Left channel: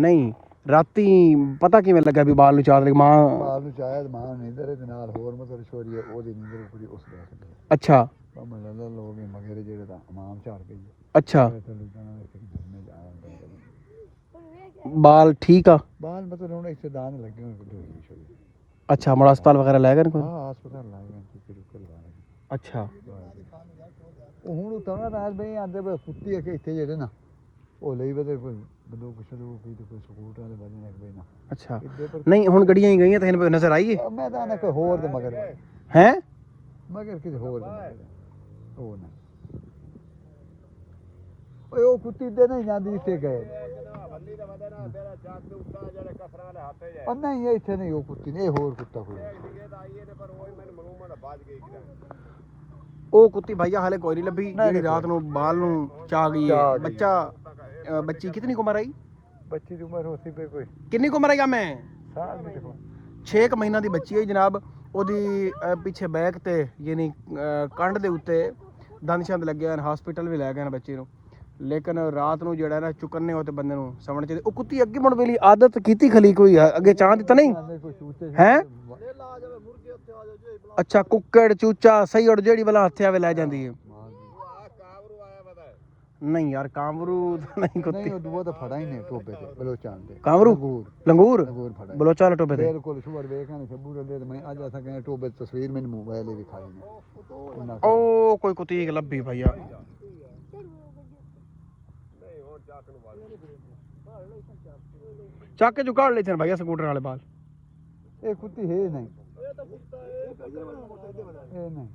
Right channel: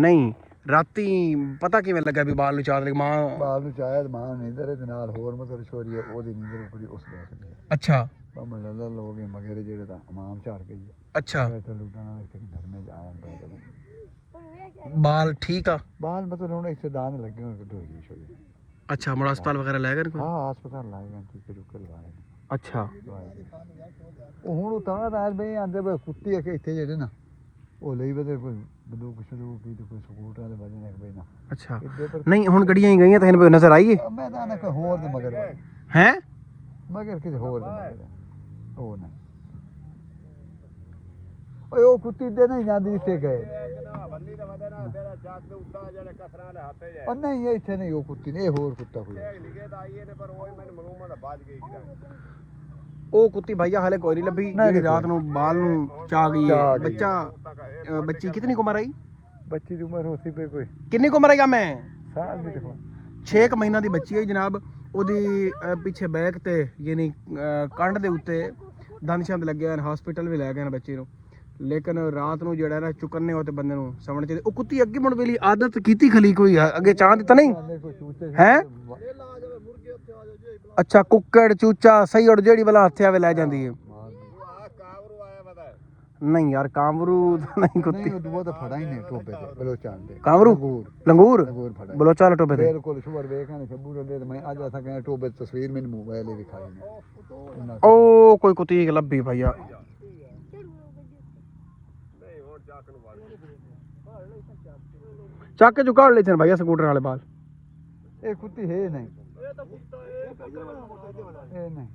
ਨਹੀਂ ਰਾਤੀ ਪਤਾ ਕਿਵੇਂ ਲੱਗਾ ਵੀ ਬਾਲ ਨੂੰ ਚਾਹ ਲਈ ਮਾਂ ਬਾਲ ਨੂੰ ਚਾਹਿਆ ਮਾਂ ਨੀਂਦਰ ਦੇ ਨਾਲ ਹੋਰ ਮਤਲਬ ਛੋਰੀ ਉਹਦੀ ਨੀਂਦਰ ਉਪਰੀ ਉਸ ਦੇਖ ਲਈ ਅੱਛਾ ਭਾਵੇਂ ਲੱਲਾ ਲੋਕ ਮਗਰ ਜਿਹੜੇ ਤਾਂ ਇਮਾਮ ਝਾੜ ਗਈ ਅੱਛਾ ਤੇ ਲੁੱਟਾਂ ਨਾਲ ਇੱਕ ਘਰ ਮੇ ਜਾਵਾਂਗੇ ਬਾਲ ਠੀਕ ਆ ਬਾਲ ਮਤਲਬ ਹੁਣ ਇੱਥੇ ਦਾਨ ਲੱਗੇ ਹੋਏ ਢੋਲੀ ਛੋਰੀ ਅੱਛਾ ਮੜਾ ਹਸਪਤਾਲ ਵਗੈਰਾ ਲੈ ਗਏ ਕੋਈ ਹਾਂ ਹਸਪਤਾਲ ਲਾਏ ਗਏ ਤੇ ਰੁਕ ਲਵਾਏ ਅੱਛਾ ਉਹ ਹੁਣ ਤਾਂ ਰਾਜ ਬਈ ਆਂਦੇ ਬਈ ਕੁੱਤੀ ਆ ਕਿ ਇੱਥੇ ਜਿਹੜੇ ਨਾ ਉਹ ਲਈ ਬਦੇ ਕੋਈ ਬੰਦੂਕ ਸ਼ੁਰੂ ਕੀ ਤੇ ਕੋਈ ਸਕੂਟਰ ਵਾਲੇ ਵਜੇ ਨੇ ਬਈ ਨਾ ਅੱਛਾ ਨਹੀਂ ਹੁਣ ਗੱਡੀਆਂ ਹੀ ਗਈਆਂ ਤਾਂ ਇਹਨੂੰ ਨਜ਼ਰ ਆਈ ਹੈ ਮੈਂ ਤਾਂ ਨਾ ਕਿ ਹੋਰ ਦੇ ਮਗਰ ਹੈ ਮਗਰ ਕਿਤੇ ਹੋਰ ਦੇ ਮਗਰ ਉਹ ਨਾ ਓਏ ਉਹ ਕੁੱਤੀ ਦੇ ਨਹੀਂ ਜਾਂਦੀ ਇੱਥੇ ਗਏ ਉਹ ਨਹੀਂ ਇੱਥੇ ਨਹੀਂ ਉਹ ਕੁੱਤੀ ਨਹੀਂ ਹੋਰ ਕੁੱਤਾ ਕੋਈ ਉਹ ਕੁੱਤੀ ਭਾਈਆ ਹਾਲੇ ਕੋਈ ਨਹੀਂ ਲੱਭੀ ਜਿਹੜੀ ਰਾਤ ਨੂੰ ਬਾਲ ਨੂੰ ਚਾ ਗਈ ਹੈ ਬੱਚਾ ਬੱਚੀ ਕਿਤਨੀ ਉਮਰ ਆਈ ਬੱਚੀ ਦੀ ਉਮਰ ਹੋਤੀ ਪਈ ਕੋਈ ਕਿੰਨੀ ਉਮਰ ਆਈ ਮੈਂ ਸਾਲ ਦੀ 6 ਮਹੀਨਾ ਦੀ ਬੱਚੀ ਹੈ ਜਨਾਬ ਉਹਦੀ ਪਿੱਛੇ ਬੈਕ ਤੇ ਯਾਨੀ ਕੰਡ ਦੇ ਉੱਤੇ ਦੰਦ ਛੰਦ ਲੱਗੇ ਹਨ ਹਸਪੀਟਲ ਵੀ ਲੈ ਗਏ ਹਨ ਬੱਚੇ ਨੂੰ ਲੇਕਿਨ ਰਾਤ ਨੂੰ ਜਿਹੜਾ ਨਾ ਚੁੱਕਣੇ ਹੋ ਤੇ ਬੰਦੇ ਨੂੰ ਸਮਝਣਾ ਚਾਹੀਦਾ ਉਹ ਕੁੱਤੀ ਅੱਗੇ ਮੁੜ ਵੇਲੀ ਆਦਤ ਕੀਤੀ ਖਲੀ ਕੋਈ ਅੱਗੇ ਚਾਹ ਦਿੱਤਾ ਨਹੀਂ ਹੈ ਅੱਛਾ ਕੁੱਕੜ ਚੂਚਾ ਸਹੀ ਔਰ ਜਿਹੜੀ ਵਾਲਾ ਹੱਥ ਆਵੇ ਲੈ ਜਾਂਦੀ ਹੈ ਨਹੀਂ ਯਾਰ ਕਾਮਰੂ ਨਹੀਂ ਕੁੱਤੀ ਨਹੀਂ ਉਹ ਤਾਂ ਫੜਾ ਹੀ ਨੇ ਟੋਬੇ ਤੇ ਬਲੋਚਾਂ ਦੇ ਕਾਮਰੂ ਲੰਗੂਰ ਫੜਾ ਬਲੋਚਾਂ ਵਾਲੇ ਟੋਬੇ ਤੇ ਬਿਲਕੁਲ ਸ਼ੁਭਰ ਵੇਖਾਂ ਸ਼ਬੂ ਦੇ ਮੈਂ ਅੱਜ ਅਸਾਂ ਕਹਿੰਦੇ ਟੋਬੇ ਦੀ ਤਸਵੀਰ ਮੈਨੂੰ ਮੋਬਾਈਲ ਤੇ ਦਿਖਾਈ ਨੇ ਉਹ ਕੋਈ ਕੁੱਤੀ ਲੱਭੀ ਭਈਆ ਚੱਕ ਕੇ ਜੁਕਾੜ ਲੈ ਚਨ ਭਈਆ ਸਕੂਟਰ ਵਾਲੇ ਬਾਲ ਇਹ ਕੁੱਤੀ ਹੈ ਨਹੀਂ ਇਹ ਨਹੀਂ